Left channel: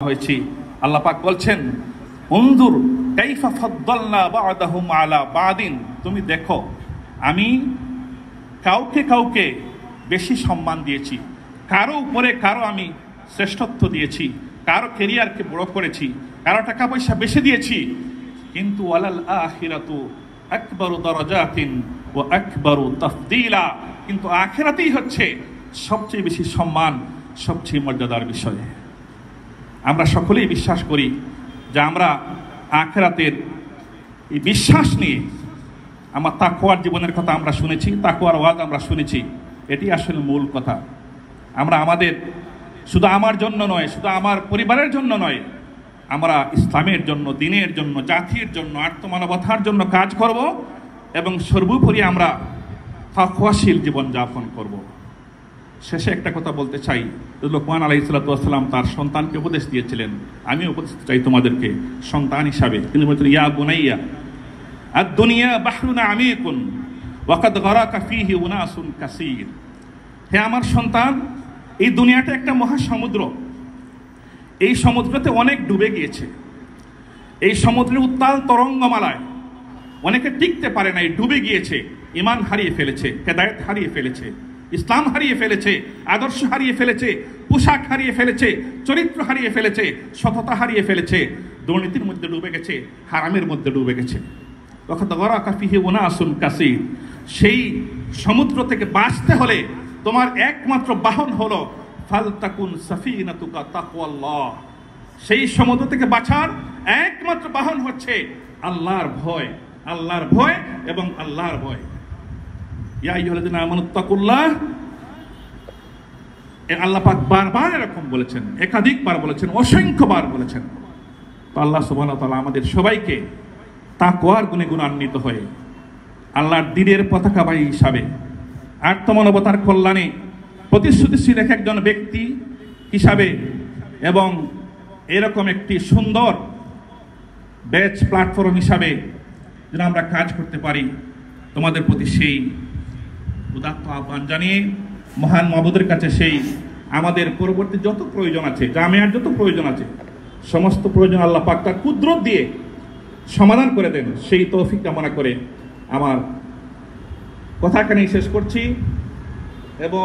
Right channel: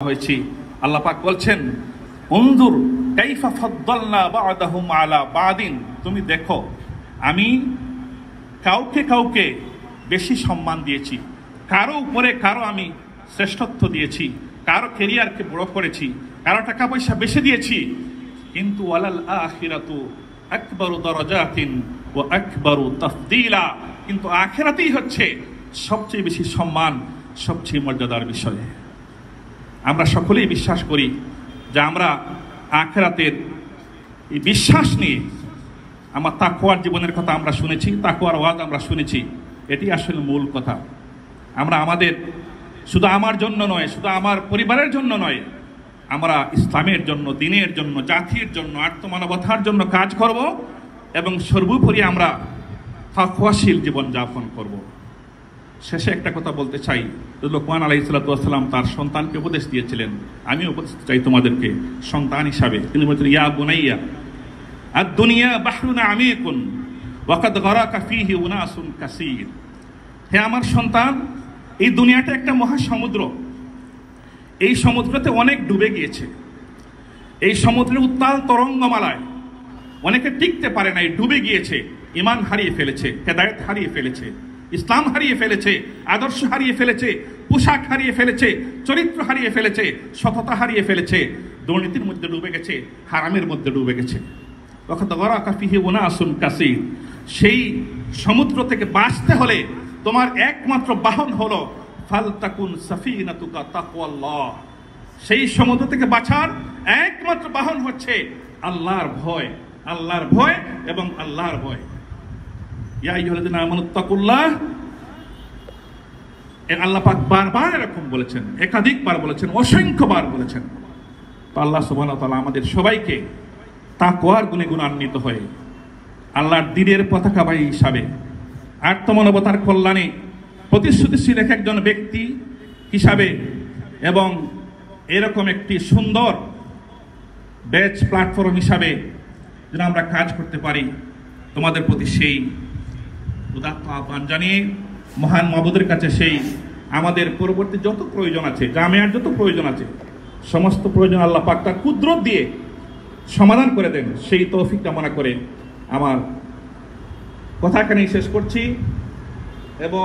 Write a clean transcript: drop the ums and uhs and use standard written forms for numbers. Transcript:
হয়েছি। আল্লাহ পাক বলছেন, উনজুর কাইফা ফাদ্দালনা বা'দাহুম আলা বা'দিন, তুমি দেখো আমি কাউকে কাউকে বেশি সম্মান দিয়েছি, কারো উপরে কারো আমি শ্রেষ্ঠত্ব দিয়েছি, কারো ক্যারিয়ারকে বড় করেছি, কারো টাকা পয়সা বেশি দিয়েছি, কিন্তু ওয়ালাল আখিরাতু আকবারু দারাজাতিন ওয়া আকবারু তাফদীলা, কিন্তু আখিরাতেই হচ্ছে সবচেয়ে বেশি সম্মান, সবচেয়ে মর্যাদার বিষয়। আমরা সকলেই বিশ্বাস করি যে আমরা আখিরাতের এই বিশ্বাস নিয়ে আমার তাকওয়ার জীবনের কথা আমরা শুনেছি, তাকওয়ার ওয়াজ আমরা শুনেছি, এটি আসলে মূল কথা। আমরা আমাদের শুধু আমার জন্য নয়, শুধু আমার পরিবারের জন্য নয়, আমরা ইসলামের জন্য, দ্বীনের জন্য, জাতির জন্য, আত্মমানবতার জন্য কাজ করব এবং সর্বোপরি আমরা তাকওয়াশীল জীবন যাপন করব। শেষে একটা কথা বলতে চাই, লোকমান আলাইহিস সালাতু ওয়াস সালাম তার সন্তানকে উপদেশ দিয়েছিলেন, আমি উপদেশ চাই তোমাদেরকে সন্তান হিসাবে। তিনি বলছেন, ইয়া বুনাইয়া আদ-দুনিয়া বাহরুন আমিকুন ওয়া কাদ গারাকা ফীহি উনাসুন কাসীর, হে আমার সন্তান, এই দুনিয়াটা একটা মহাসমুদ্র, এই সমুদ্রতে অনেক ডুবে গিয়েছে, এই সমুদ্রের উত্তাল তরঙ্গমালায় অনেকে টিকতে পারে নাই, ডুবে গিয়েছে, ঈমান হারিয়ে ফেলেছে, হেদায়েত হারিয়ে ফেলেছে, ইসলাম হারিয়ে ফেলেছে, আদর্শ হারিয়ে ফেলেছে, পোশাক হারিয়ে ফেলেছে, চরিত্র হারিয়ে ফেলেছে, সততা হারিয়ে ফেলেছে, দুর্নীতির মধ্যে ডুবে গেছে, হারামের মধ্যে ডুবে গেছে। সেই সমুদ্র থেকে বাঁচতে হলে তোমার একমাত্র বাহন হলো ফালতাকুন সাফিনাতুকা তাকওয়াল্লাহ, সেই সমুদ্র থেকে বাঁচার একমাত্র বাহন হচ্ছে আল্লাহর ভয়, আল্লাহর ভয় এবং আল্লাহর ভয়। ইয়া আইয়ুহাল্লাযীনা আমানুত্তাকুল্লাহ, আল্লাহ পাক বারবার এরকম বলেছেন, একাধিকবার বলেছেন, অসংখ্যবার বলেছেন। তো আল্লাহ সুবহানাহু ওয়া তাআলা আমাদের সবাইকে তাকওয়ার গুণে গুণান্বিত হয়ে আল্লাহর দ্বীনের পতাকাবাহী হিসাবে আত্মমানবতার কল্যাণে প্রতিশ্রুতিশীল একজন ব্যক্তি হিসাবে এবং এরকম একটি সুন্দর ব্যাচ প্ল্যাটফর্ম হিসাবে যেন আমরা কাজ করতে পারি, তোমাদের প্রতি সেই উদাত্ত আহ্বান জানিয়ে মহান মাবুদের কাছে সেই আমাদের পরবর্তী যত প্রয়োজন আছে, জামিয়ার যত প্রয়োজন আছে, সমস্ত প্রয়োজন আল্লাহ পাক তার কুদরত দিয়ে সমাধান করে দেন, সেই তৌফিক কামনা করে আমার কথা এখানেই শেষ করছি। এবং